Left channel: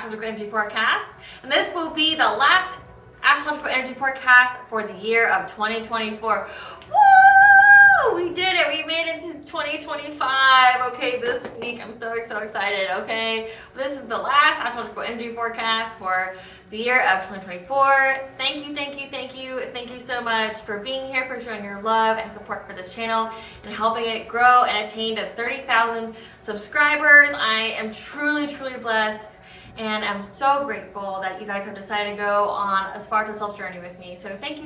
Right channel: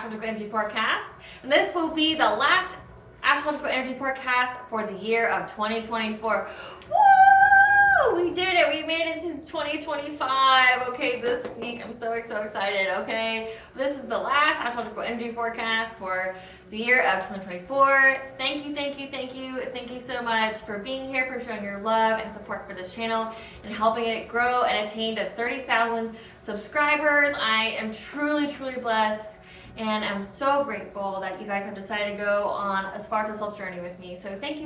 astrological energy forecast, and this will be the last astrological energy forecast for the year of 2024. Woo! We did it. We made it to 2025. Okay, this week I'm so excited. Okay, this is the last astrological energy forecast for the year of 2024. Thank you so much for being here, for showing your love and support for this channel and helping it grow and attain to 30,000 subscribers. I am truly blessed, and I'm so grateful that you guys have decided to go on aspiraltotheself journey with me. So thank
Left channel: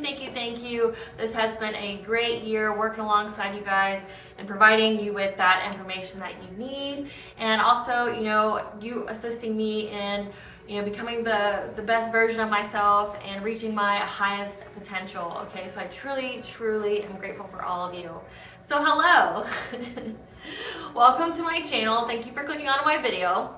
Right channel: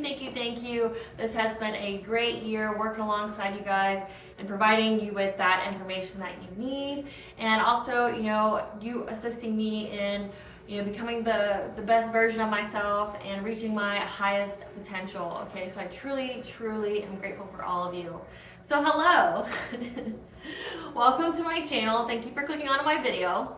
you. This has been a great year working alongside you guys and providing you with that information that you need, and also, you assisting me in becoming the best version of myself and reaching my highest potential. Okay, so I truly am grateful for all of you. So hello, welcome to my channel. Thank you for clicking on my video.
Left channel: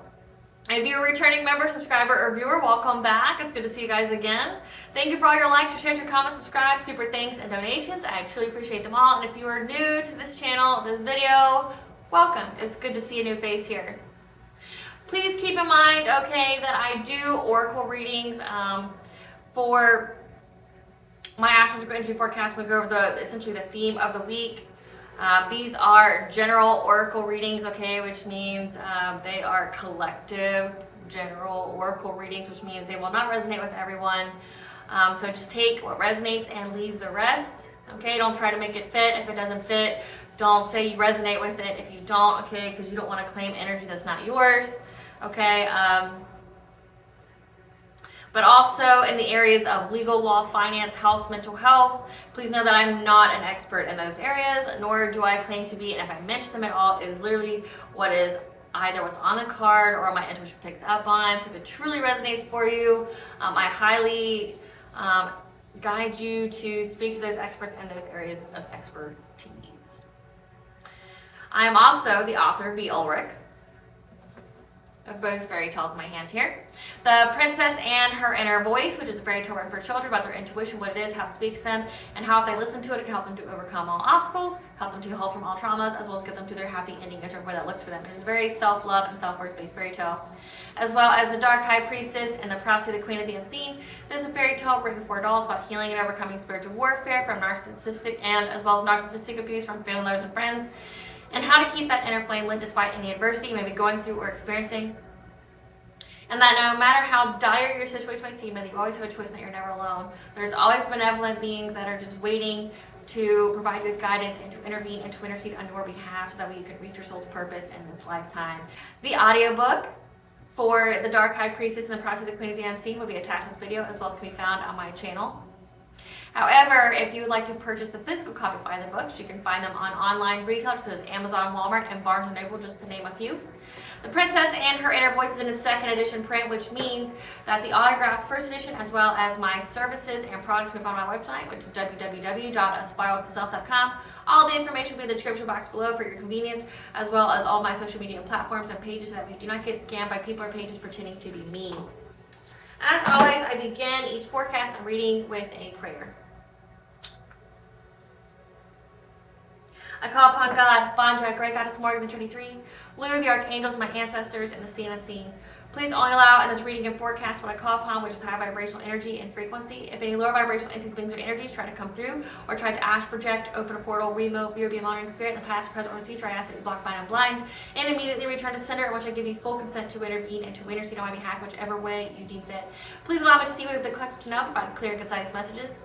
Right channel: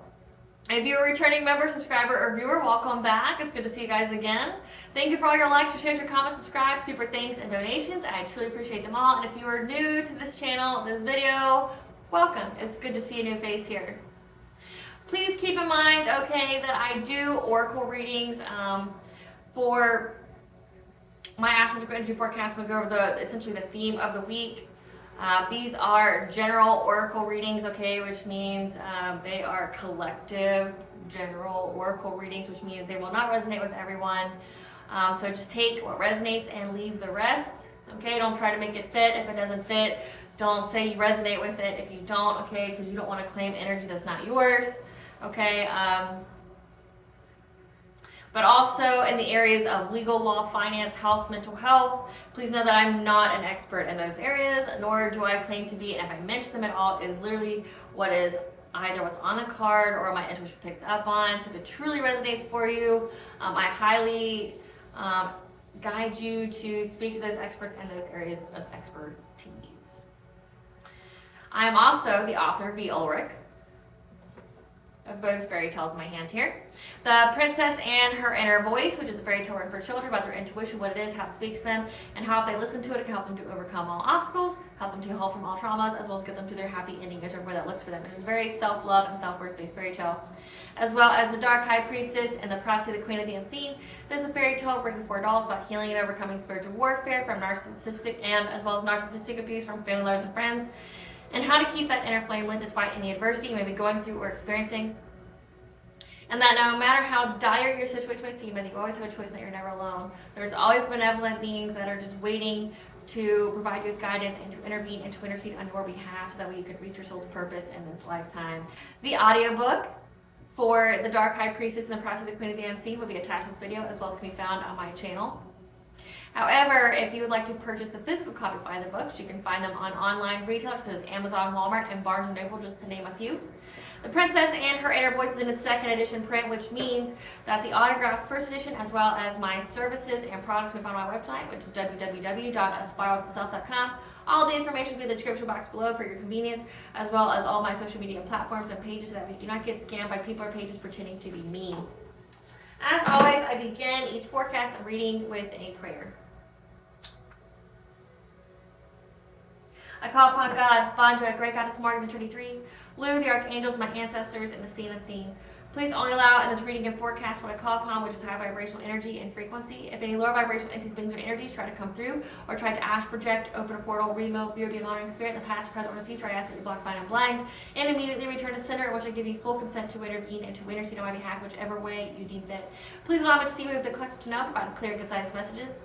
If you're a returning member, subscriber, or viewer, welcome back. It's good to see you guys again. Thank you for all your likes, your shares, your comments, subscribe, super thanks, and donations. I truly appreciate them all. And if you are new to this channel, this video, welcome. It's good to see a new face here. Please keep in mind, okay, that I do oracle readings for my astrological energy forecast. We go over essentially the theme of the week. These are general oracle readings, okay, which means they are collective general oracle readings, which means they will not resonate with everyone. So just take what resonates and leave the rest, okay? Don't try to make it fit. If it doesn't fit, don't say you resonate with it if you don't, okay, because you don't want to claim energy that's not yours. Okay, but also in the areas of legal, law, finance, health, mental health, please know that I'm not an expert in those areas, nor do I claim to be, and if I mention them at all, it is literally what is either what's on the card or my intuition picks up on. So if it truly resonates for you, I highly guide you to speak to those experts in those areas of expertise. I am also the author of Ulrich, of both fairy tales in my hand here. The Princess and Her Inner Voice, which is a fairy tale written for children about their intuition, what it is, how it speaks to them, and how if they listen to it, it can help them to overcome all obstacles, help them to heal from all traumas, as well as get them to their happy ending, whichever way that looks for them. It is a very self-love and self-worth based fairy tale. As well as The Dark High Priestess and The Prophecy of the Queen of the Unseen. This is a fairy tale written for adults about healing and overcoming spiritual warfare from narcissistic and as well as narcissistic abuse from family members and friends, and how to keep that inner flame lit despite any adversity you may be going through or experiencing. And that no matter how dire your situation might seem, that you always have a choice, and that you're never alone. There's always benevolent beings that are just waiting to provide you with guidance and to intervene and to intercede on your behalf so that way you could reach your soul's purpose in this lifetime. The audiobook for The Dark High Priestess and The Prophecy of the Queen of the Unseen will be attached to this video, as well as can be found on my channel. However, if you would like to purchase the physical copy by the books, you can find them on online retailers such as Amazon, Walmart, and Barnes & Noble, just to name a few. The Princess and Her Inner Voice is in its second edition print, which means that the autographed first edition, as well as my services and products, can be found on my website, which is www.aspiraltotheself.com. All the information will be in the description box below for your convenience, as well as all my social media platforms and pages, so that you do not get scammed by people or pages pretending to be me. As always, I begin each forecast and reading with a prayer. I call upon God, Bonjoy, Great Goddess Morgan, the Trinity Three, Lou, the Archangels, my ancestors, and the seen and unseen. Please only allow in this reading and forecast what I call upon, which is high vibrational energy and frequency. If any lower vibrational entities, beings, or energies try to come through, or try to astral project, open a portal, remote, be or be a monitoring spirit in the past, present, or the future, I ask that you block, bind, and blind, and immediately return to center, in which I give you full consent to intervene and to intercede on my behalf, whichever way you deem fit. Please allow me to see what the collective to know, provide clear and concise messages.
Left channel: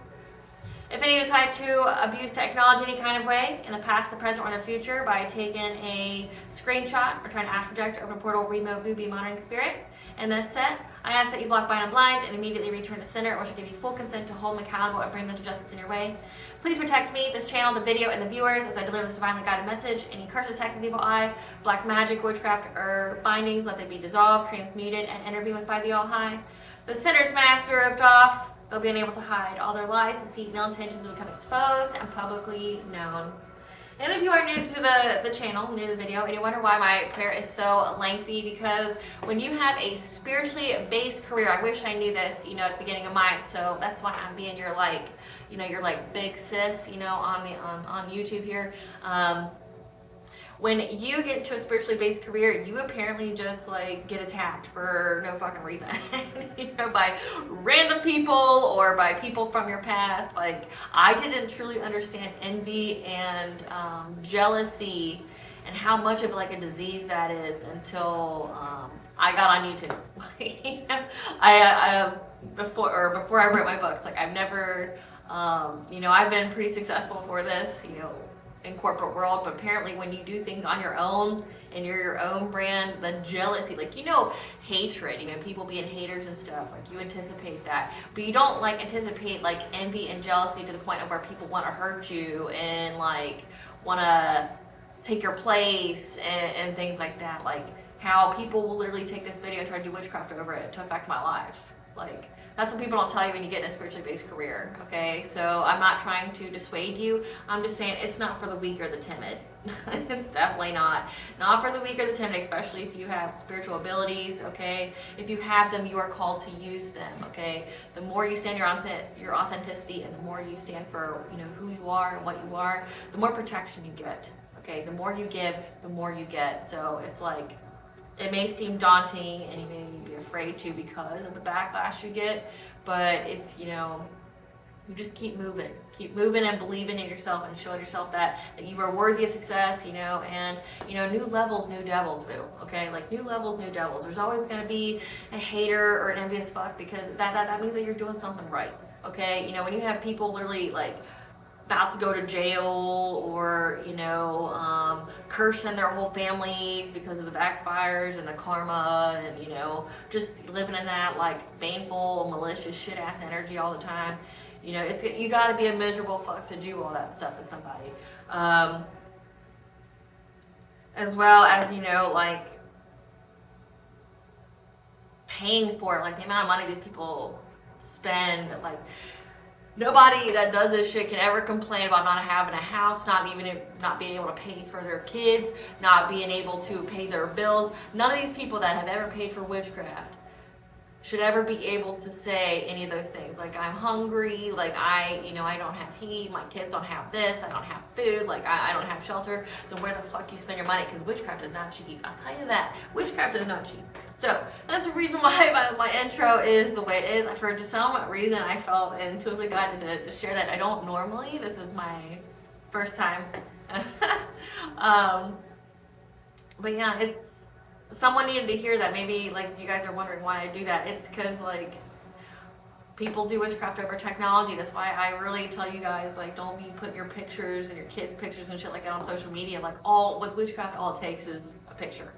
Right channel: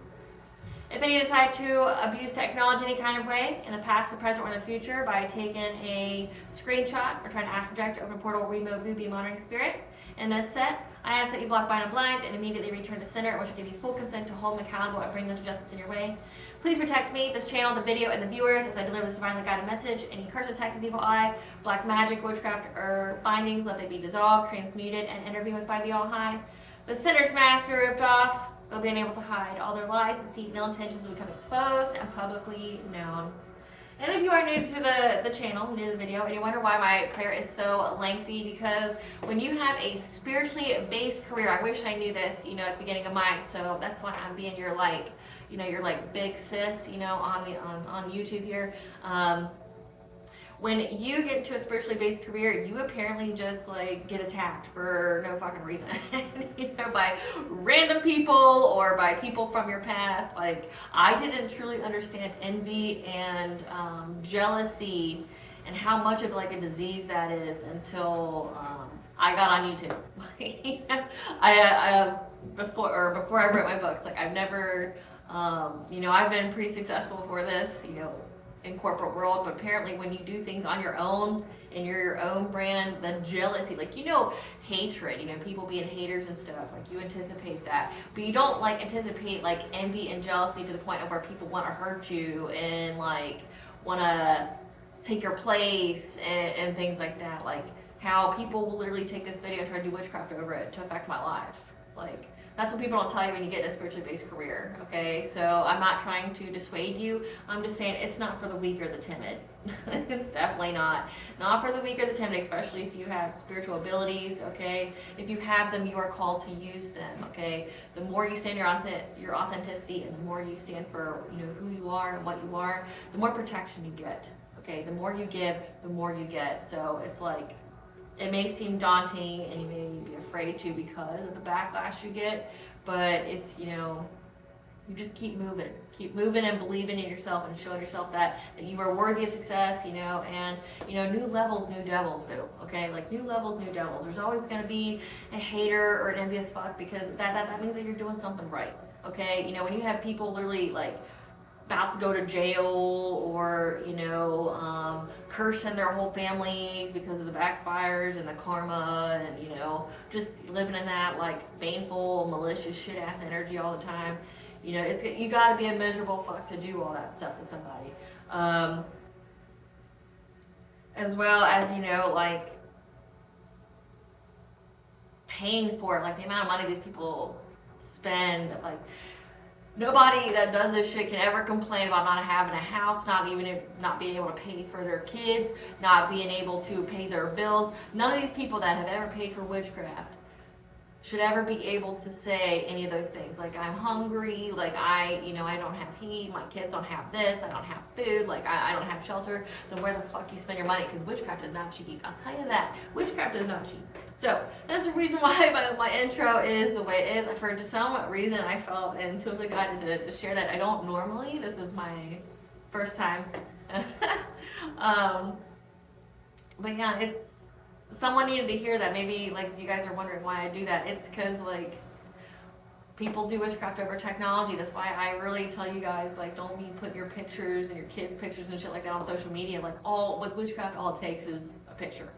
If any decide to abuse technology any kind of way, in the past, the present, or the future, by taking a screenshot or trying to astral project, open a portal, remote, be a monitoring spirit in this set, I ask that you block, bind, and blind, and immediately return to center, which will give you full consent to hold them accountable and bring them to justice in your way. Please protect me, this channel, the video, and the viewers as I deliver this divinely guided message. Any curses, hexes, evil eye, black magic, witchcraft, or bindings, let they be dissolved, transmuted, and intervened with by the All High. The sinner's mask be ripped off. They'll be unable to hide. All their lies, deceit, and ill intentions will become exposed and publicly known. And if you are new to the channel, new to the video, and you wonder why my prayer is so lengthy, because when you have a spiritually based career, I wish I knew this, at the beginning of mine, so that's why I'm being your big sis, on YouTube here. when you get into a spiritually based career, you apparently just like get attacked for no fucking reason, you know, by random people or by people from your past. Like, I didn't truly understand envy and jealousy and how much of like a disease that is until I got on YouTube. Before I wrote my books, like I've never, you know, I've been pretty successful for this, you know, in corporate world, but apparently when you do things on your own and you're your own brand, the jealousy, like, you know, hatred, you know, people being haters and stuff, like you anticipate that, but you don't like anticipate like envy and jealousy to the point of where people want to hurt you and like want to take your place and things like that. Like how people will literally take this video and try to do witchcraft over it to affect my life. Like, that's what people don't tell you when you get in a spiritually based career, okay? So I'm not trying to dissuade you. I'm just saying it's not for the weak or the timid. It's definitely not. Not for the weak or the timid, especially if you have spiritual abilities, okay? If you have them, you are called to use them, okay? The more you stand your authenticity and the more you stand for, you know, who you are and what you are, the more protection you get, okay? The more you give, the more you get. So it's like, it may seem daunting and you may be afraid to because of the backlash you get, but it's, you know, you just keep moving and believing in yourself and showing yourself that you are worthy of success, you know, and, you know, new levels, new devils, boo, okay? Like new levels, new devils. There's always going to be a hater or an envious fuck because that means that you're doing something right, okay? You know, when you have people literally like about to go to jail or, you know, cursing their whole families because of the backfires and the karma and, you know, just living in that like baneful, malicious, shit ass energy all the time. You know, it's, you gotta be a miserable fuck to do all that stuff to somebody. As well as, you know, like paying for it, like the amount of money these people spend, like, nobody that does this shit can ever complain about not having a house, not being able to pay for their kids, not being able to pay their bills. None of these people that have ever paid for witchcraft should ever be able to say any of those things. Like, I'm hungry, like I don't have heat, my kids don't have this, I don't have food, like I don't have shelter. Then where the fuck you spend your money? Because witchcraft is not cheap. I'll tell you that. Witchcraft is not cheap. So that's the reason why my intro is the way it is. For just some reason, I felt intuitively guided to share that. I don't normally. This is my first time. But yeah, it's, someone needed to hear that. Maybe like you guys are wondering why I do that. It's because like people do witchcraft over technology. That's why I really tell you guys, like, don't be putting your pictures and your kids' pictures and shit like that on social media. Like, with witchcraft, all it takes is a picture.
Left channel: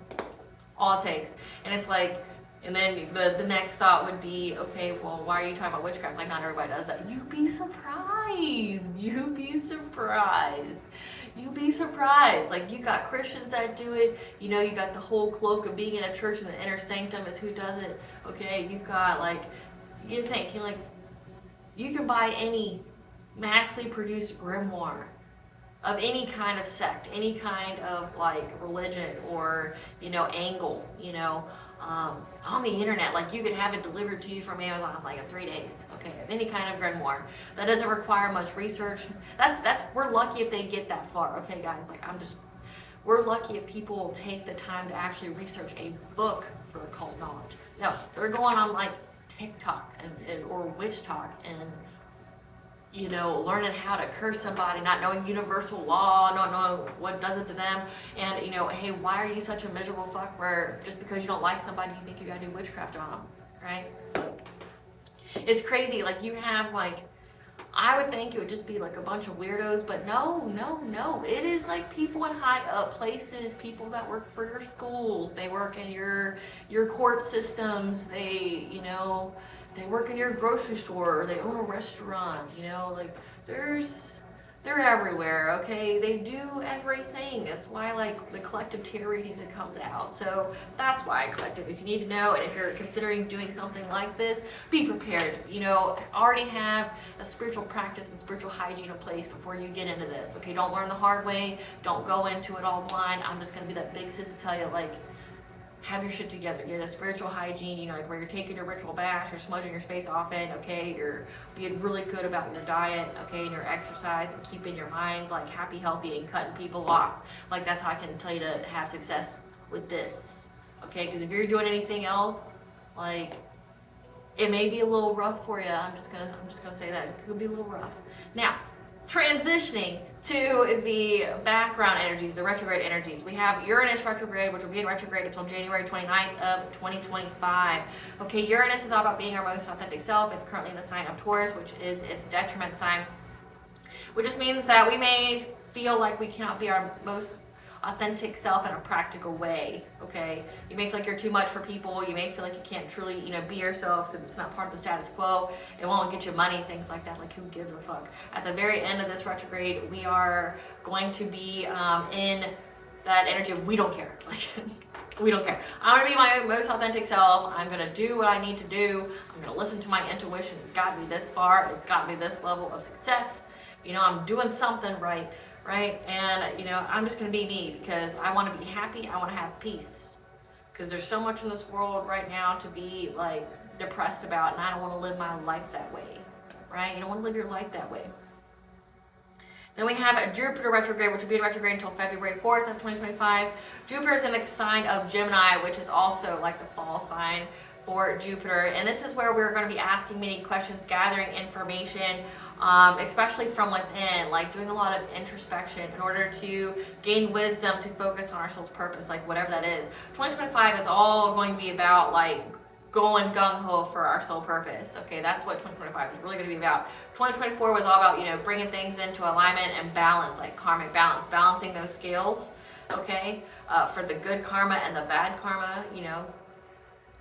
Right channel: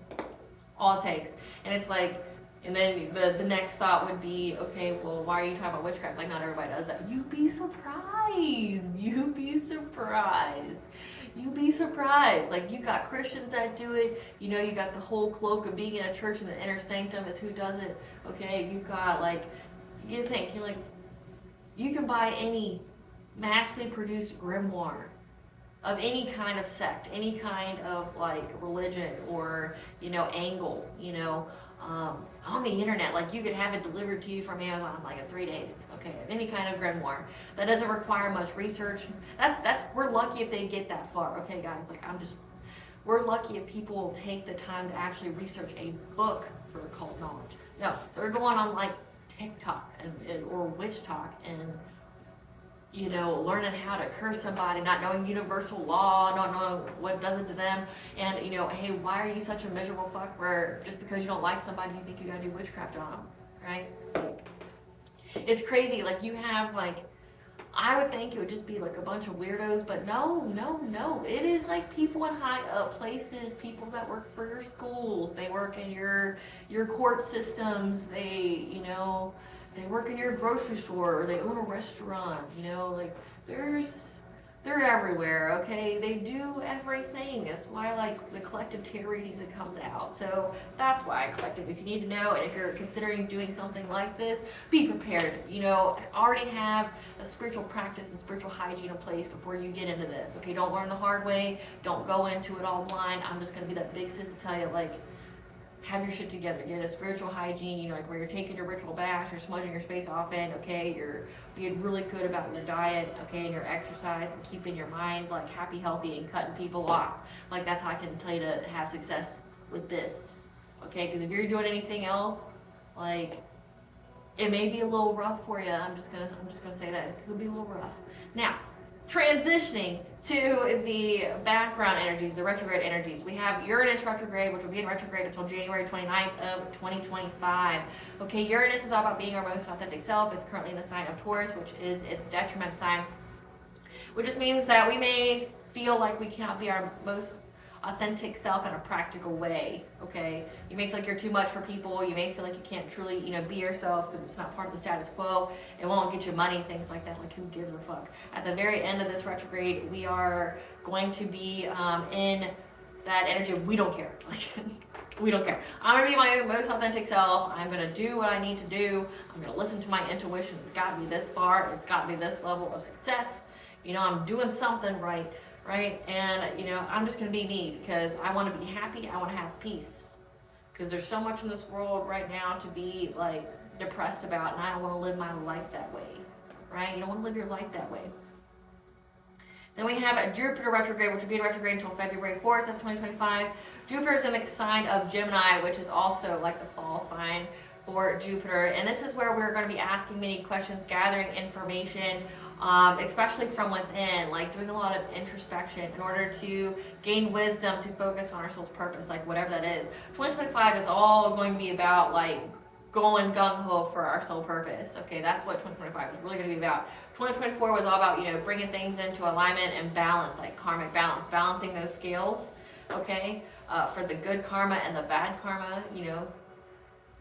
All it takes. And it's like, and then the next thought would be, okay, well, why are you talking about witchcraft? Like, not everybody does that. You'd be surprised. You'd be surprised. You'd be surprised. Like, you got Christians that do it. You know, you got the whole cloak of being in a church and the inner sanctum is who does it. Okay, you've got, like, you think, you're like, you can buy any massively produced grimoire of any kind of sect, any kind of, like, religion or, you know, angle, you know, on the internet. Like, you could have it delivered to you from Amazon like in 3 days, okay, of any kind of grimoire. That doesn't require much research. We're lucky if they get that far, okay, guys? Like, we're lucky if people take the time to actually research a book for occult knowledge. No, they're going on like TikTok or Witch Talk and, you know, learning how to curse somebody, not knowing universal law, not knowing what does it to them, and, you know, hey, why are you such a miserable fuck where just because you don't like somebody you think you gotta do witchcraft on them, right? Like, it's crazy. Like, you have, like, I would think it would just be like a bunch of weirdos, but no. It is like people in high up places, people that work for your schools, they work in your court systems, they, you know, they work in your grocery store, or they own a restaurant, you know, like, they're everywhere, okay? They do everything. That's why, like, the collective tarot readings, it comes out. So that's why collective, if you need to know, and if you're considering doing something like this, be prepared. You know, already have a spiritual practice and spiritual hygiene in place before you get into this, okay? Don't learn the hard way. Don't go into it all blind. I'm just gonna be that big sis to tell you, like, have your shit together. Get a spiritual hygiene, you know, like where you're taking your ritual baths, you're smudging your space often, okay? You're being really good about your diet, okay, and your exercise, and keeping your mind like happy, healthy, and cutting people off. Like that's how I can tell you to have success with this, okay? Because if you're doing anything else, like it may be a little rough for you. I'm just gonna say that it could be a little rough. Now, transitioning to the background energies, the retrograde energies. We have Uranus retrograde, which will be in retrograde until January 29th of 2025. Okay, Uranus is all about being our most authentic self. It's currently in the sign of Taurus, which is its detriment sign, which just means that we may feel like we cannot be our most authentic self in a practical way, okay? You may feel like you're too much for people. You may feel like you can't truly, you know, be yourself because it's not part of the status quo. It won't get you money, things like that. Like, who gives a fuck? At the very end of this retrograde, we are going to be in that energy of we don't care. Like, we don't care. I'm gonna be my most authentic self. I'm gonna do what I need to do. I'm gonna listen to my intuition. It's got me this far. It's got me this level of success. You know, I'm doing something right? And, you know, I'm just going to be me because I want to be happy. I want to have peace because there's so much in this world right now to be, like, depressed about, and I don't want to live my life that way, right? You don't want to live your life that way. Then we have a Jupiter retrograde, which will be in retrograde until February 4th of 2025. Jupiter is in the sign of Gemini, which is also, like, the fall sign for Jupiter, and this is where we're going to be asking many questions, gathering information, especially from within, like doing a lot of introspection in order to gain wisdom to focus on our soul's purpose, like whatever that is. 2025 is all going to be about like going gung-ho for our soul purpose. Okay, that's what 2025 is really going to be about. 2024 was all about, you know, bringing things into alignment and balance, like karmic balance, balancing those scales, okay, for the good karma and the bad karma, you know,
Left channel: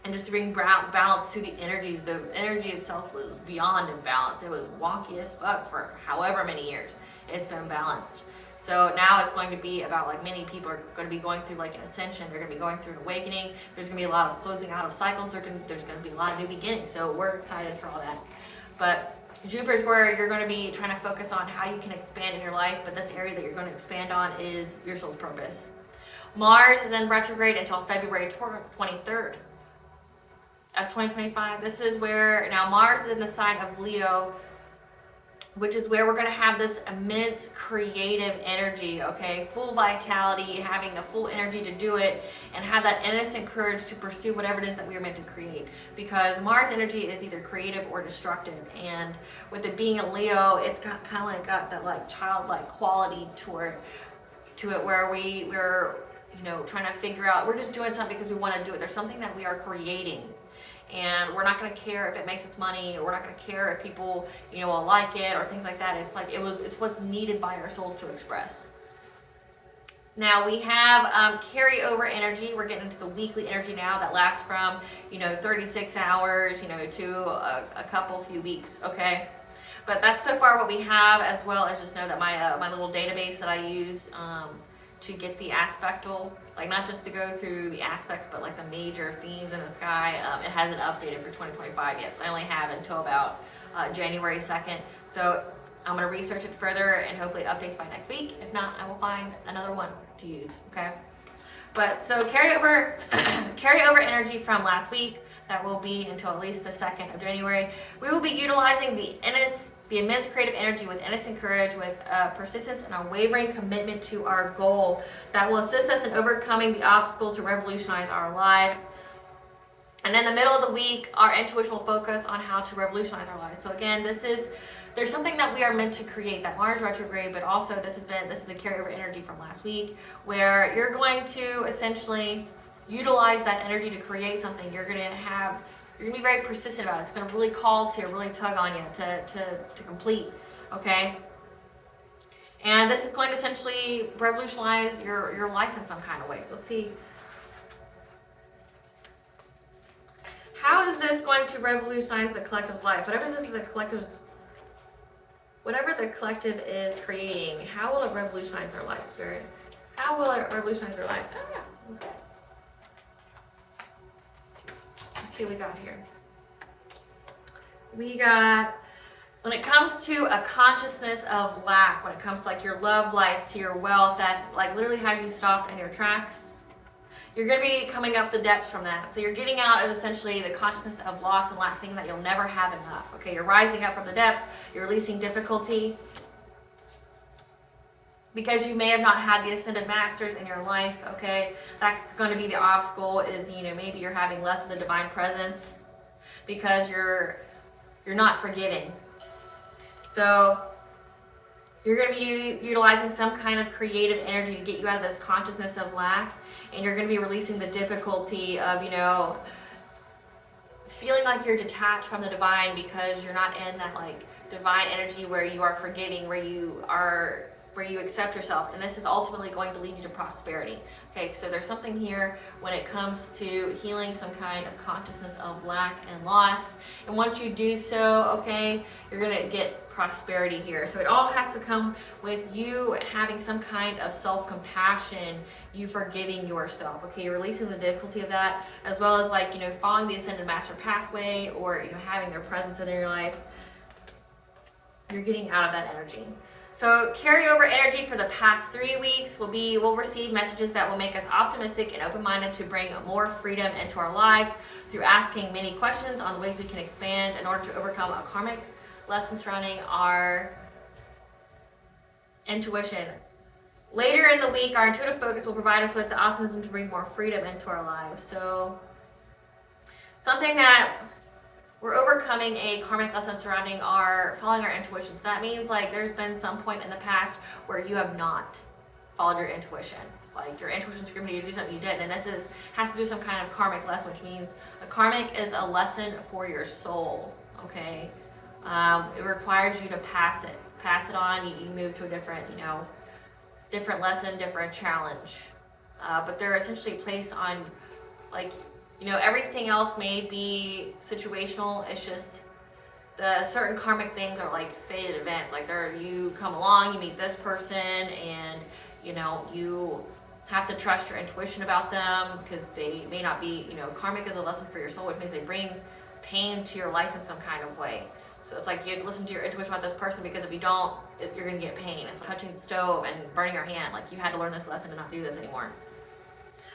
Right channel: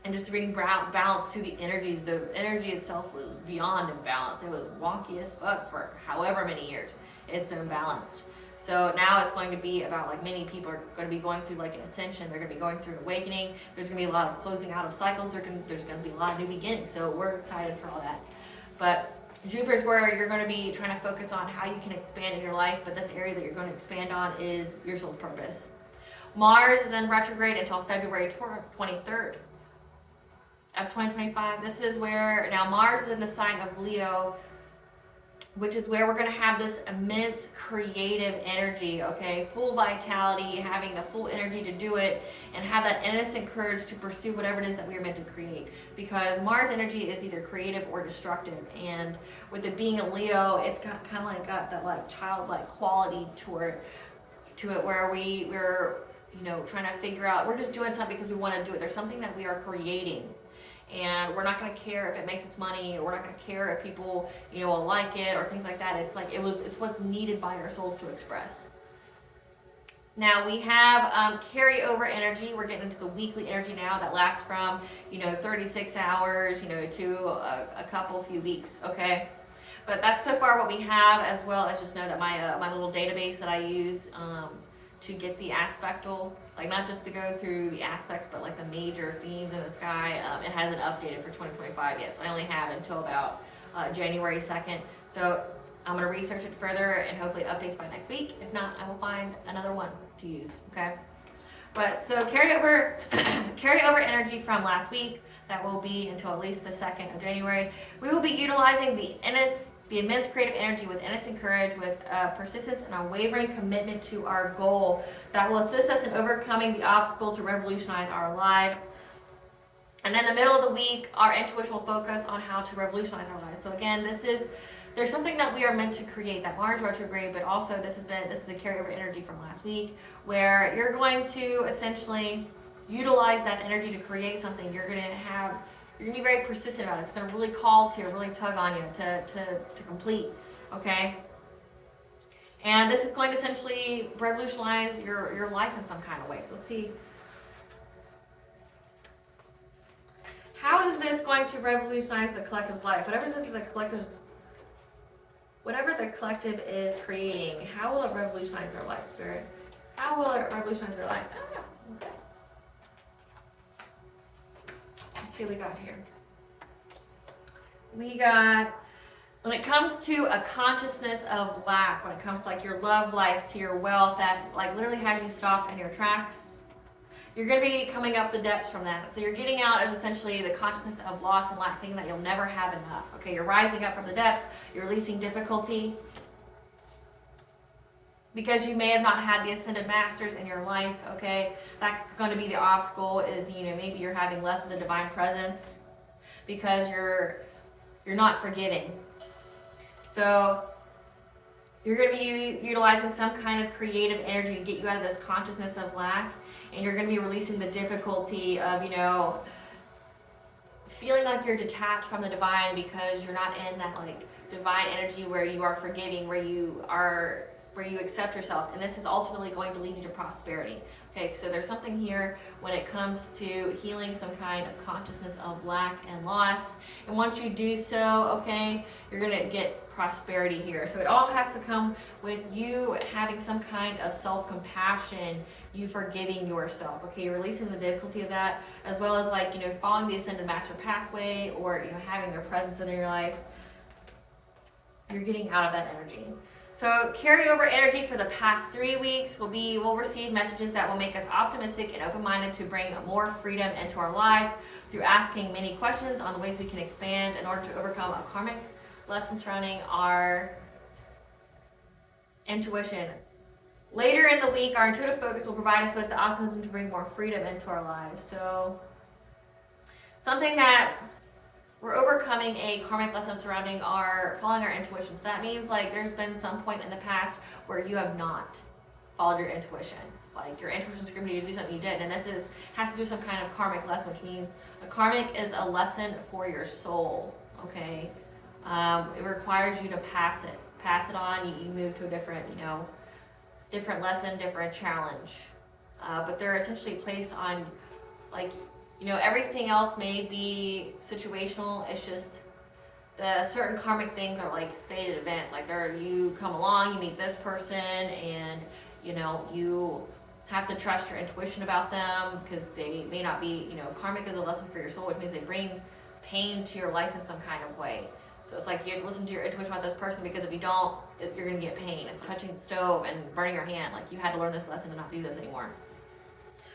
and just to bring balance to the energies. The energy itself was beyond imbalance. It was wonky as fuck for however many years. It's been balanced. So now it's going to be about, like, many people are going to be going through like an ascension. They're going to be going through an awakening. There's going to be a lot of closing out of cycles. There's going to be a lot of new beginnings. So we're excited for all that. But Jupiter's where you're going to be trying to focus on how you can expand in your life. But this area that you're going to expand on is your soul's purpose. Mars is in retrograde until February 23rd. Of 2025. This is where, now Mars is in the sign of Leo, which is where we're going to have this immense creative energy, okay? Full vitality, having the full energy to do it, and have that innocent courage to pursue whatever it is that we are meant to create. Because Mars energy is either creative or destructive, and with it being a Leo, it's got kind of like got that like childlike quality to it where we're, you know, trying to figure out, we're just doing something because we want to do it. There's something that we are creating. And we're not going to care if it makes us money, or we're not going to care if people, you know, will like it or things like that. It's like it's what's needed by our souls to express. Now we have carryover energy. We're getting into the weekly energy now that lasts from, you know, 36 hours, you know, to a few weeks. Okay. But that's so far what we have, as well as just know that my little database that I use to get the aspectal, like not just to go through the aspects, but like the major themes in the sky, it hasn't updated for 2025 yet. So I only have until about January 2nd. So I'm going to research it further and hopefully it updates by next week. If not, I will find another one to use, okay? But so carryover energy from last week, that will be until at least the 2nd of January. We will be utilizing the immense creative energy with innocent courage, with persistence and unwavering commitment to our goal that will assist us in overcoming the obstacle to revolutionize our lives. And in the middle of the week, our intuition will focus on how to revolutionize our lives. So again, there's something that we are meant to create, that Mars retrograde, but also this is a carryover energy from last week, where you're going to essentially utilize that energy to create something. You're going to be very persistent about it. It's going to really call to you, really tug on you to complete, okay? And this is going to essentially revolutionize your life in some kind of way. So let's see. How is this going to revolutionize the collective's life? Whatever the collective is creating, how will it revolutionize their life, Spirit? How will it revolutionize their life? Okay. Let's see what we got here. We got, when it comes to a consciousness of lack, when it comes to like your love life, to your wealth, that like literally has you stopped in your tracks, you're going to be coming up the depths from that. So you're getting out of essentially the consciousness of loss and lack, thinking that you'll never have enough. Okay, you're rising up from the depths, you're releasing difficulty, because you may have not had the ascended masters in your life. Okay, that's going to be the obstacle, is, you know, maybe you're having less of the divine presence because you're not forgiving. So you're going to be utilizing some kind of creative energy to get you out of this consciousness of lack, and you're going to be releasing the difficulty of, you know, feeling like you're detached from the divine because you're not in that like divine energy where you are forgiving, where you accept yourself, and this is ultimately going to lead you to prosperity. Okay, so there's something here when it comes to healing some kind of consciousness of lack and loss, and once you do so, okay, you're gonna get prosperity here. So it all has to come with you having some kind of self-compassion, you forgiving yourself. Okay, you're releasing the difficulty of that, as well as, like, you know, following the ascended master pathway, or, you know, having their presence in your life. You're getting out of that energy. So carryover energy for the past 3 weeks we'll receive messages that will make us optimistic and open-minded to bring more freedom into our lives through asking many questions on the ways we can expand in order to overcome a karmic lesson surrounding our intuition. Later in the week, our intuitive focus will provide us with the optimism to bring more freedom into our lives. So something that we're overcoming a karmic lesson surrounding following our intuition. So that means, like, there's been some point in the past where you have not followed your intuition. Like, your intuition screamed you to do something you didn't. And this has to do some kind of karmic lesson, which means a karmic is a lesson for your soul, okay? It requires you to pass it on. You move to a different, you know, different lesson, different challenge. But they're essentially placed on, like, you know, everything else may be situational. It's just the certain karmic things are like fated events. Like, you come along, you meet this person, and, you know, you have to trust your intuition about them because they may not be, you know, karmic is a lesson for your soul, which means they bring pain to your life in some kind of way. So it's like you have to listen to your intuition about this person, because if you don't, you're going to get pain. It's like touching the stove and burning your hand. Like, you had to learn this lesson to not do this anymore.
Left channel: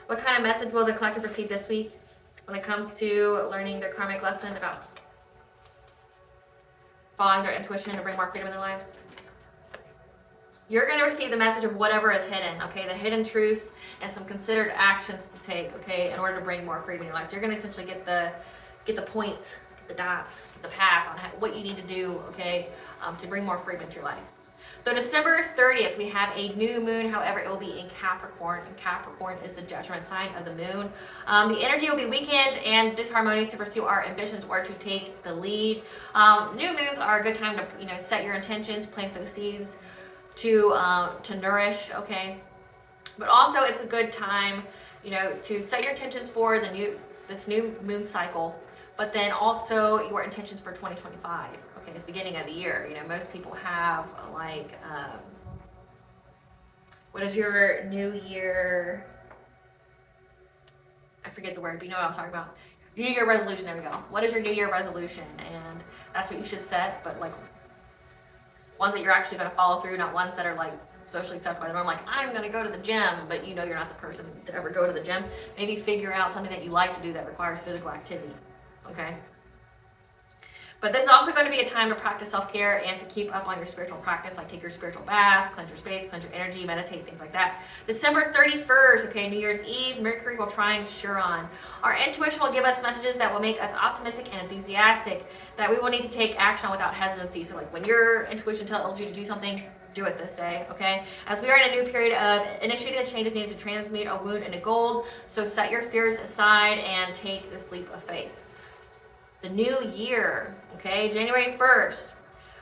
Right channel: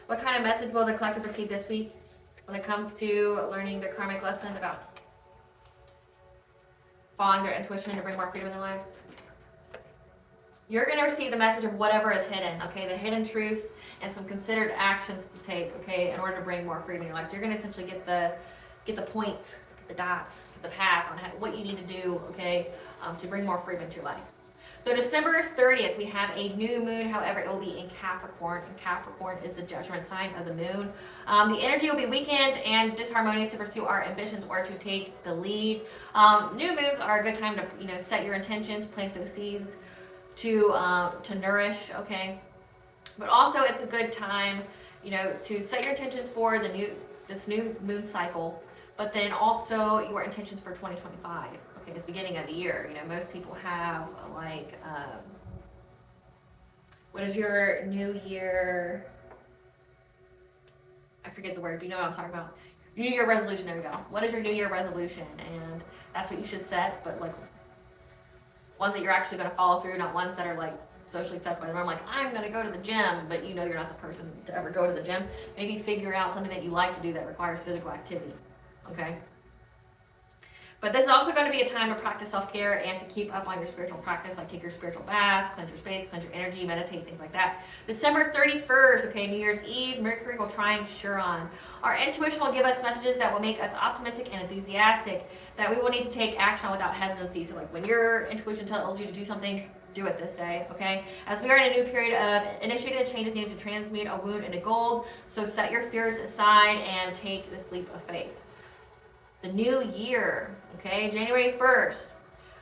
What kind of message will the collective receive this week when it comes to learning their karmic lesson about following their intuition to bring more freedom in their lives? You're going to receive the message of whatever is hidden, okay? The hidden truths and some considered actions to take, okay, in order to bring more freedom in your life. So you're going to essentially get the points, the dots, the path on what you need to do, okay, to bring more freedom into your life. So December 30th, we have a new moon. However, it will be in Capricorn, and Capricorn is the judgment sign of the moon. The energy will be weakened and disharmonious to pursue our ambitions or to take the lead. New moons are a good time to, you know, set your intentions, plant those seeds to nourish, okay? But also, it's a good time, you know, to set your intentions for this new moon cycle, but then also your intentions for 2025. Okay, it's beginning of the year. You know, most people have like, what is your New Year? I forget the word, but you know what I'm talking about. New Year resolution. There we go. What is your New Year resolution? And that's what you should set, but like ones that you're actually going to follow through, not ones that are like socially accepted by the norm. Like, I'm going to go to the gym, but you know you're not the person to ever go to the gym. Maybe figure out something that you like to do that requires physical activity. Okay. But this is also going to be a time to practice self-care and to keep up on your spiritual practice, like take your spiritual baths, cleanse your space, cleanse your energy, meditate, things like that. December 31st, okay, New Year's Eve, Mercury will trine Chiron. Our intuition will give us messages that will make us optimistic and enthusiastic, that we will need to take action on without hesitancy. So like when your intuition tells you to do something, do it this day, okay? As we are in a new period of initiating the changes needed to transmute a wound into gold, so set your fears aside and take this leap of faith. The new year, okay, January 1st,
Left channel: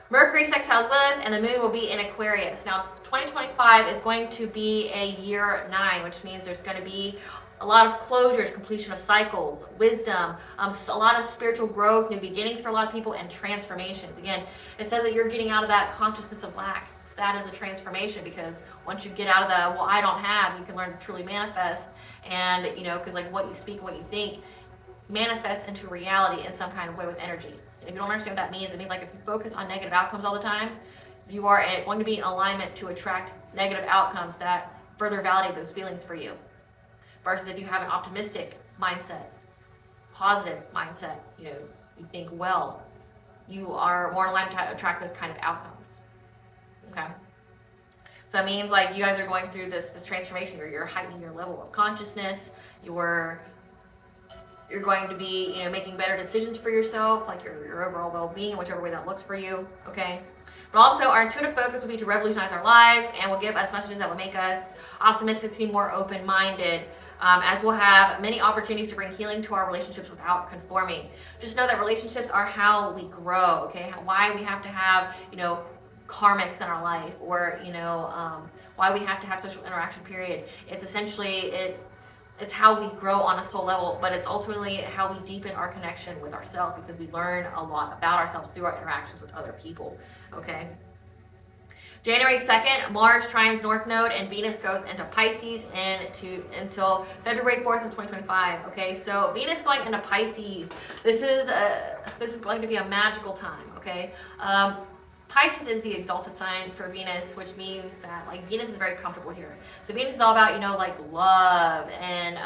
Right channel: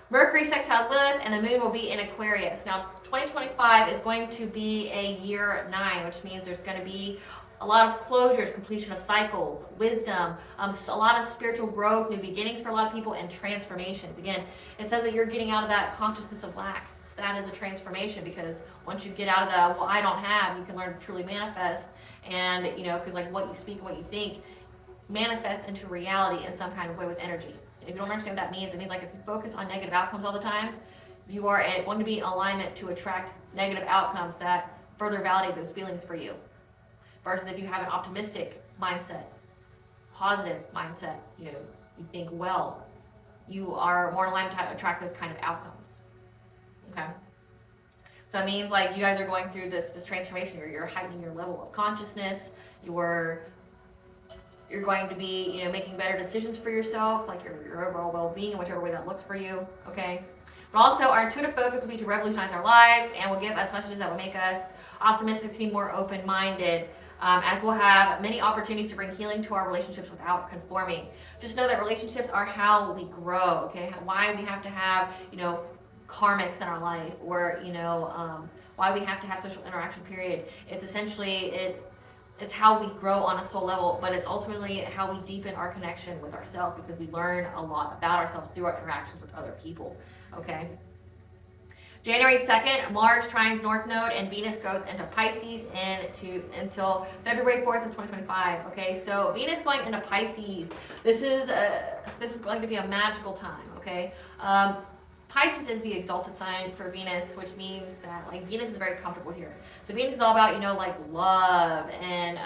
Mercury sextiles Lilith, and the moon will be in Aquarius. Now, 2025 is going to be a year 9, which means there's going to be a lot of closures, completion of cycles, wisdom, a lot of spiritual growth, new beginnings for a lot of people, and transformations. Again, it says that you're getting out of that consciousness of lack. That is a transformation, because once you get out of the, well, I don't have, you can learn to truly manifest. And, you know, because like what you speak and what you think manifests into reality in some kind of way with energy. And if you don't understand what that means, it means like if you focus on negative outcomes all the time, you are going to be in alignment to attract negative outcomes that further validate those feelings for you. versus if you have an optimistic mindset, positive mindset, you know, you think well, you are more likely to attract those kind of outcomes. Okay? So that means like you guys are going through this transformation. You're heightening your level of consciousness. You're going to be, you know, making better decisions for yourself, like your overall well-being in whichever way that looks for you. Okay? But also, our intuitive focus will be to revolutionize our lives, and will give us messages that will make us optimistic, to be more open-minded, as we'll have many opportunities to bring healing to our relationships without conforming. Just know that relationships are how we grow, okay? Why we have to have, you know, karmics in our life, or, you know, why we have to have social interaction, period. It's essentially, it's how we grow on a soul level, but it's ultimately how we deepen our connection with ourselves, because we learn a lot about ourselves through our interactions with other people, okay? January 2nd, Mars trines North Node and Venus goes into Pisces until February 4th of 2025. Okay, so Venus going into Pisces. This is going to be a magical time. Okay, Pisces is the exalted sign for Venus, which means that like Venus is very comfortable here. So Venus is all about, you know, like love and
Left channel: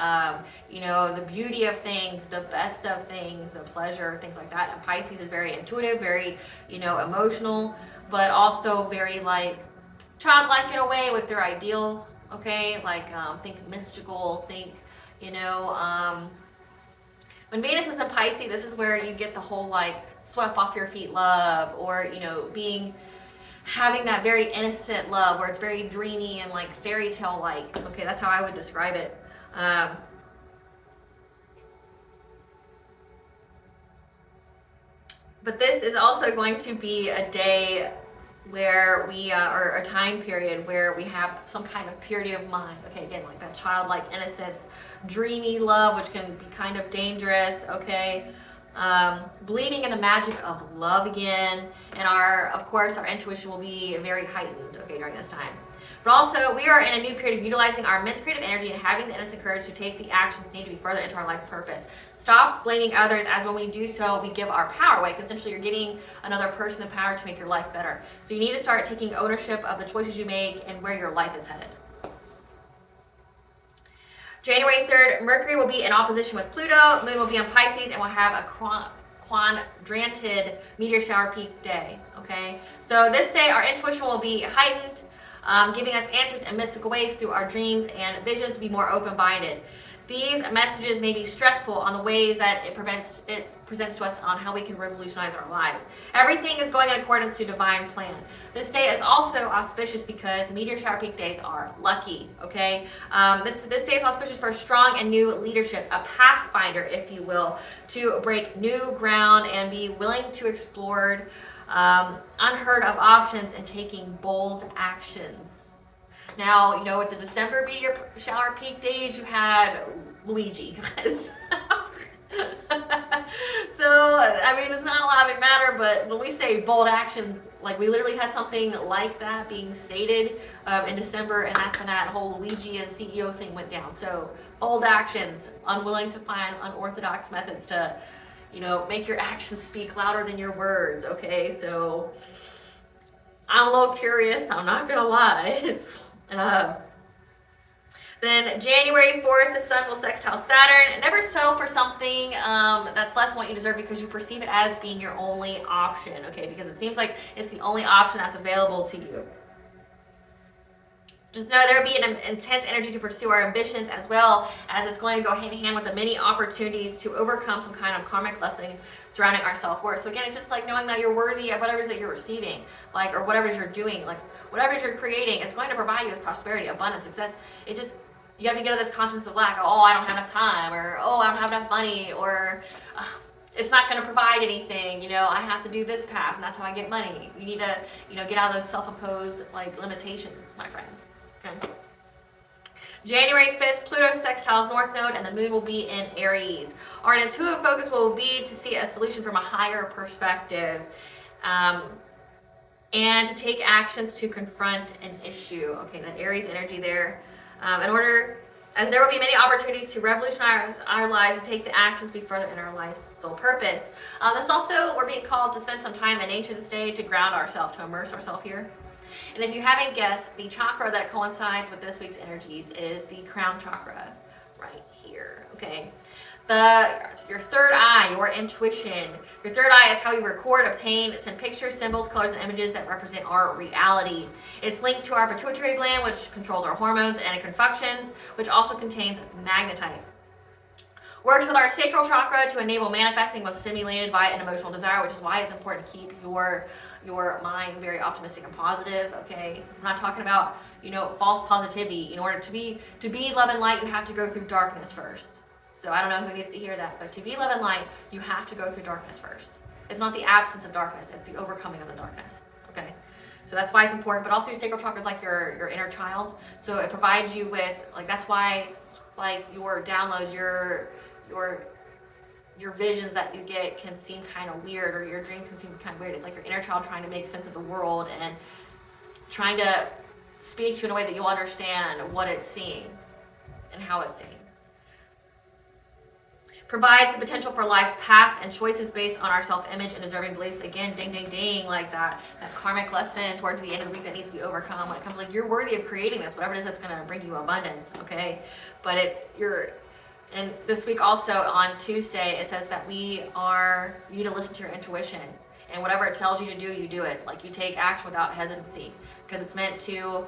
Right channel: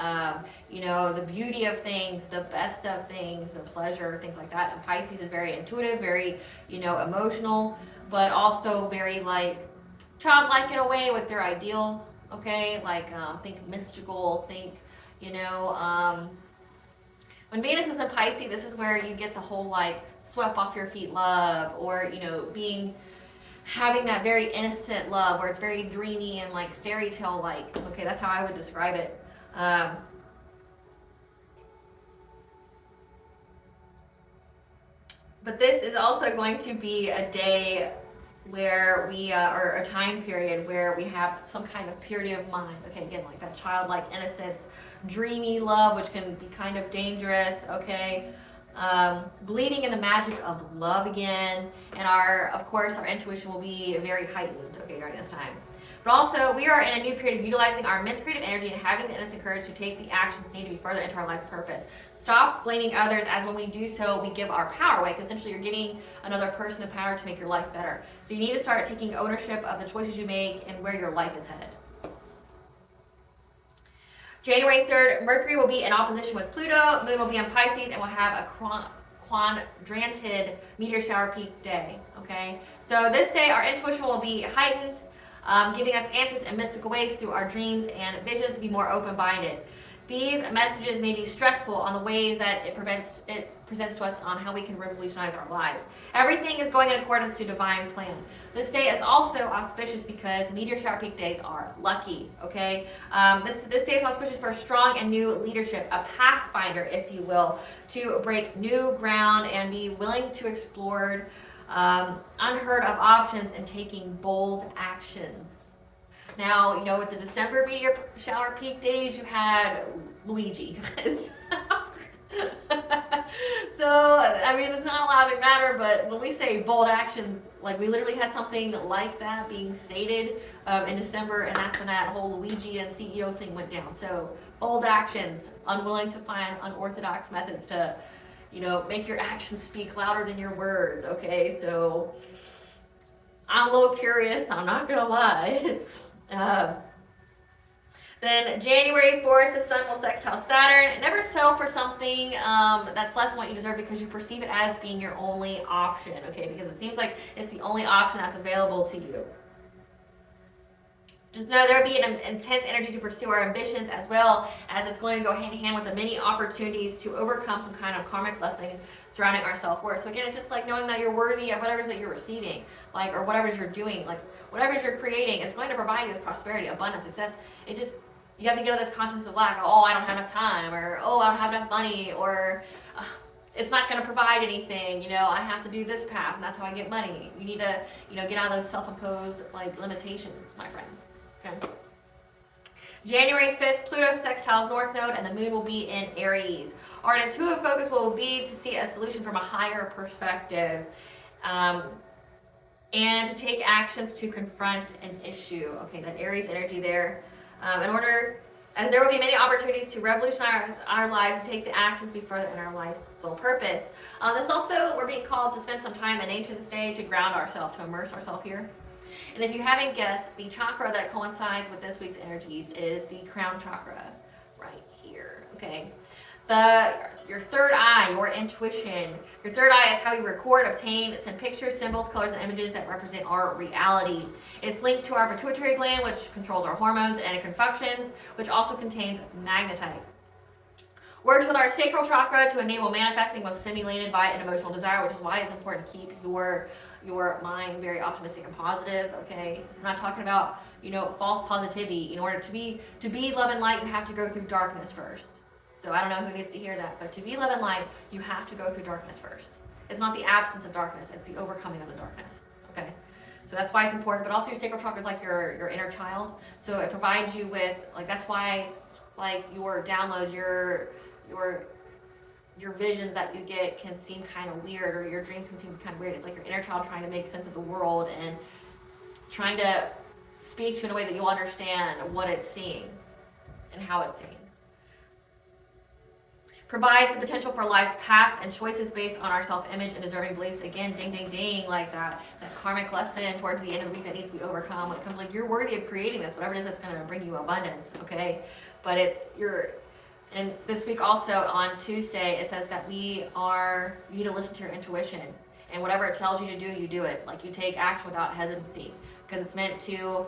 you know, the beauty of things, the best of things, the pleasure, things like that. And Pisces is very intuitive, very, you know, emotional, but also very like childlike in a way with their ideals. Okay, like think mystical, think, you know, when Venus is in Pisces, this is where you get the whole like swept off your feet love, or, you know, having that very innocent love where it's very dreamy and like fairy tale like. Okay, that's how I would describe it. But this is also going to be a day where we, or a time period where we have some kind of purity of mind. Okay, again, like that childlike innocence, dreamy love, which can be kind of dangerous. Okay, believing in the magic of love again, and of course, our intuition will be very heightened. Okay, during this time. But also, we are in a new period of utilizing our immense creative energy and having the innocent courage to take the actions needed to be further into our life purpose. Stop blaming others, as when we do so, we give our power away, because essentially you're giving another person the power to make your life better. So you need to start taking ownership of the choices you make and where your life is headed. January 3rd, Mercury will be in opposition with Pluto, Moon will be in Pisces, and we'll have a quadranted meteor shower peak day. Okay, so this day our intuition will be heightened, giving us answers in mystical ways through our dreams and visions to be more open-minded. These messages may be stressful on the ways that it presents to us on how we can revolutionize our lives. Everything is going in accordance to divine plan. This day is also auspicious because meteor shower peak days are lucky, okay? This day is auspicious for strong and new leadership, a pathfinder, if you will, to break new ground and be willing to explore unheard of options and taking bold actions. Now, you know, with the December meteor shower peak days, you had Luigi. So, I mean, it's not a lot of matter, but when we say bold actions, like we literally had something like that being stated in December, and that's when that whole Luigi and CEO thing went down. So, bold actions, unwilling to find unorthodox methods to, you know, make your actions speak louder than your words, okay? So, I'm a little curious, I'm not gonna lie. Then January 4th, the sun will sextile Saturn. Never settle for something that's less than what you deserve because you perceive it as being your only option, okay? Because it seems like it's the only option that's available to you. Just know there will be an intense energy to pursue our ambitions, as well as it's going to go hand in hand with the many opportunities to overcome some kind of karmic lesson surrounding our self-worth. So again, it's just like knowing that you're worthy of whatever it is that you're receiving, like, or whatever you're doing, like whatever you're creating, it's going to provide you with prosperity, abundance, success. You have to get to this consciousness of lack. Oh, I don't have enough time, or oh, I don't have enough money, or it's not going to provide anything. You know, I have to do this path, and that's how I get money. You need to, you know, get out of those self-imposed like limitations, my friend. Okay. January 5th, Pluto sextiles North Node, and the Moon will be in Aries. Our intuitive focus will be to see a solution from a higher perspective, and to take actions to confront an issue. Okay, that Aries energy there. As there will be many opportunities to revolutionize our lives and take the actions we further in our life's sole purpose. This also, we're being called to spend some time in nature this day to ground ourselves, to immerse ourselves here. And if you haven't guessed, the chakra that coincides with this week's energies is the crown chakra. right here, okay? Your third eye, your intuition. Your third eye is how we record, obtain, send pictures, symbols, colors, and images that represent our reality. It's linked to our pituitary gland, which controls our hormones and endocrine functions, which also contains magnetite. Works with our sacral chakra to enable manifesting what's stimulated by an emotional desire, which is why it's important to keep your mind very optimistic and positive, okay? I'm not talking about, false positivity. In order to be love and light, you have to go through darkness first. So I don't know who needs to hear that, but to be love and light, you have to go through darkness first. It's not the absence of darkness, it's the overcoming of the darkness, okay? So that's why it's important, but also your sacral chakra is like your inner child. So it provides you with, that's why, your downloads, your visions that you get can seem kind of weird, or your dreams can seem kind of weird. It's like your inner child trying to make sense of the world and trying to speak to you in a way that you'll understand what it's seeing and how it's seeing. Provides the potential for life's past and choices based on our self-image and deserving beliefs. Again, ding, ding, ding, like that karmic lesson towards the end of the week that needs to be overcome when it comes you're worthy of creating this, whatever it is that's going to bring you abundance, okay? But and this week also on Tuesday, it says that you need to listen to your intuition, and whatever it tells you to do, you do it. You take action without hesitancy, because it's meant to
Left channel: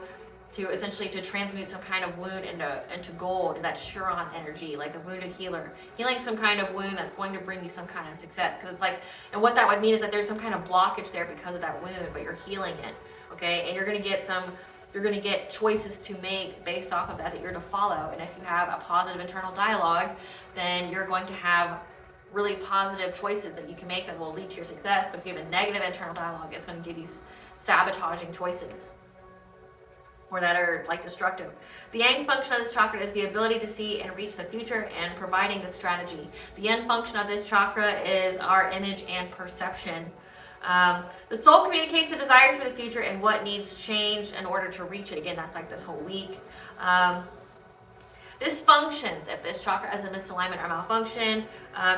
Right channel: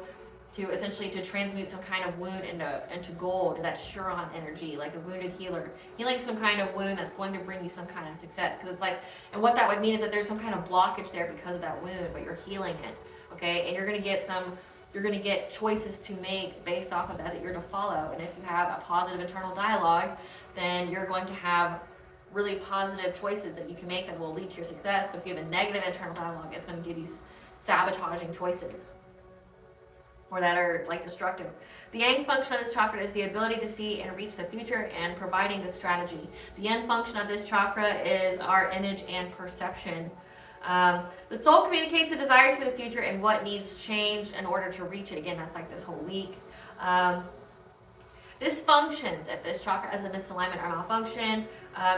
essentially to transmute some kind of wound into gold, that Chiron energy, like the wounded healer, healing some kind of wound that's going to bring you some kind of success. Because it's and what that would mean is that there's some kind of blockage there because of that wound, but you're healing it, okay? And you're going to get choices to make based off of that you're to follow. And if you have a positive internal dialogue, then you're going to have really positive choices that you can make that will lead to your success. But if you have a negative internal dialogue, it's going to give you sabotaging choices, or that are destructive. The yang function of this chakra is the ability to see and reach the future and providing the strategy. The yin function of this chakra is our image and perception. The soul communicates the desires for the future and what needs change in order to reach it. Again, that's this whole week. Dysfunctions, if this chakra is a misalignment or malfunction,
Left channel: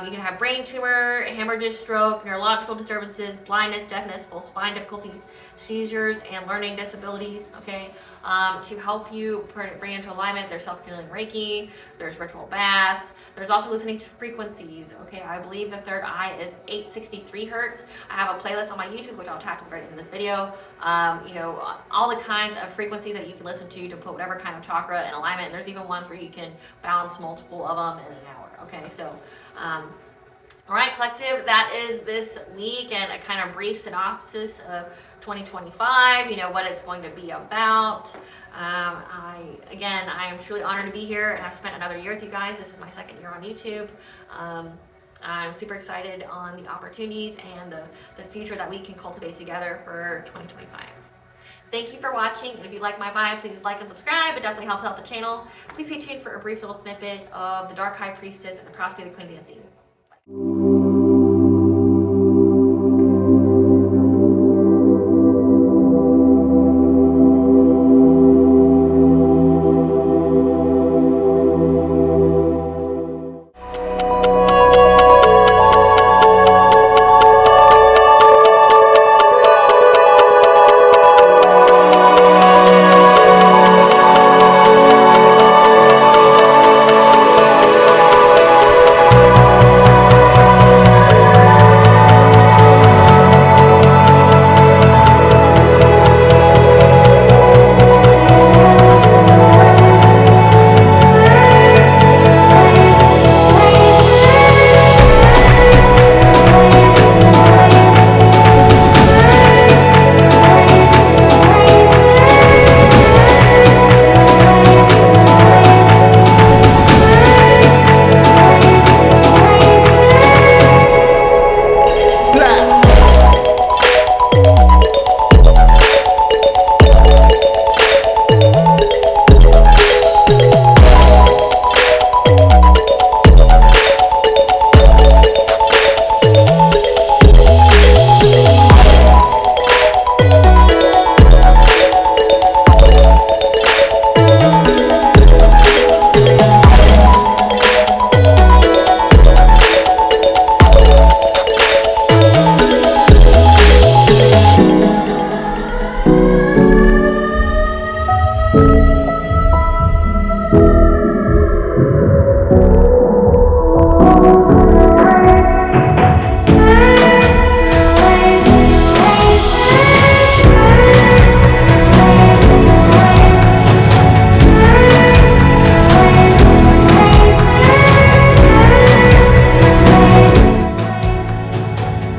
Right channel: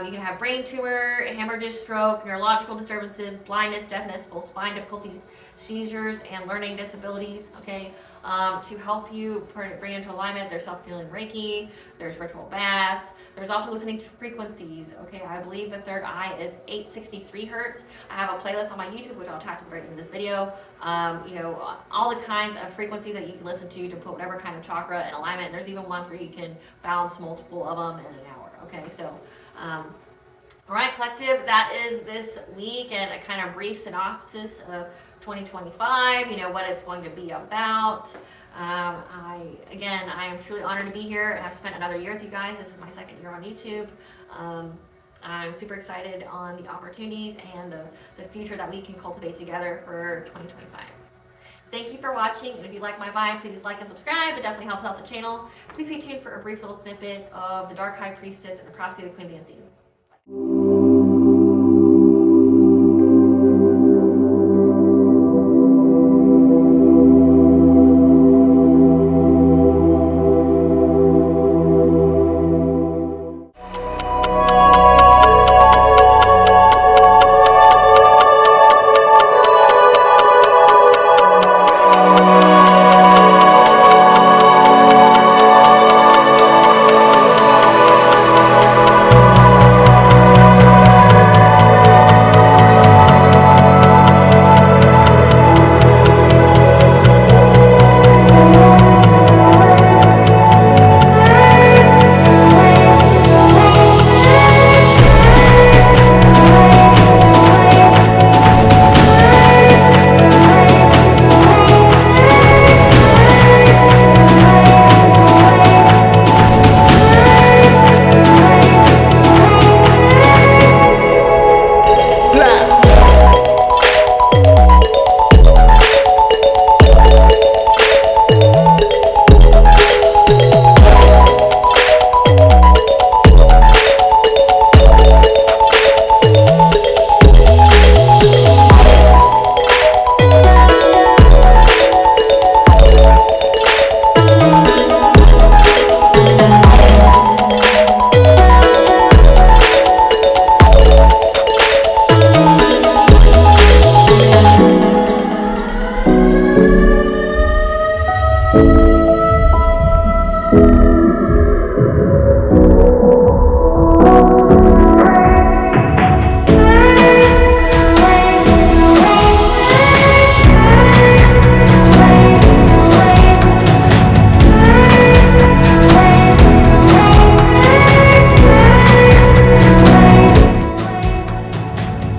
you can have brain tumor, hemorrhage, stroke, neurological disturbances, blindness, deafness, full spine difficulties, seizures, and learning disabilities, okay? To help you bring into alignment, there's self-healing Reiki, there's ritual baths, there's also listening to frequencies, okay? I believe the third eye is 863 hertz. I have a playlist on my YouTube, which I'll attach to the right end of this video. All the kinds of frequencies that you can listen to put whatever kind of chakra in alignment. And there's even ones where you can balance multiple of them in an hour, okay? So, all right, collective, that is this week and a kind of brief synopsis of 2025, what it's going to be about. I am truly honored to be here, and I've spent another year with you guys. This is my second year on YouTube. I'm super excited on the opportunities and the future that we can cultivate together for 2025. Thank you for watching, and if you like my vibe, please like and subscribe. It definitely helps out the channel. Please stay tuned for a brief little snippet of the Dark High Priestess and the Prophecy of the Queen dancing.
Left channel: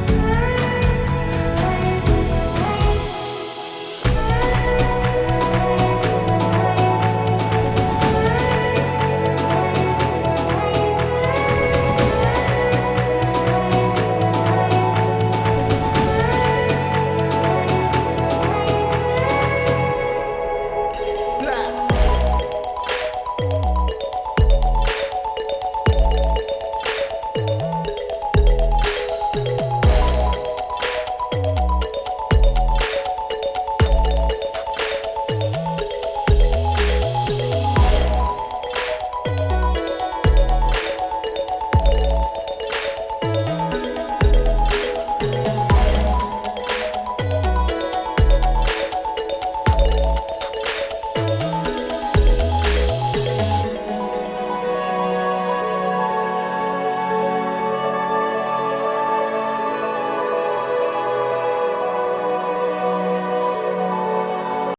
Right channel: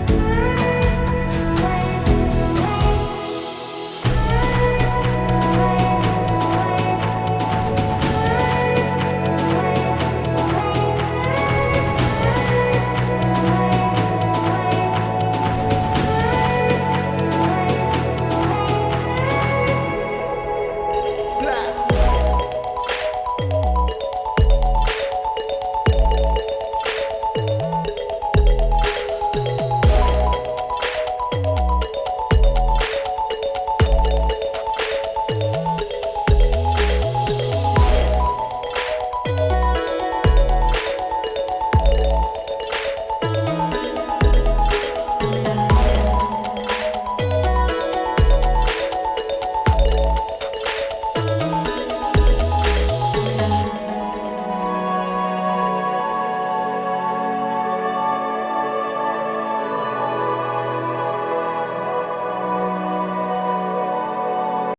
Bye.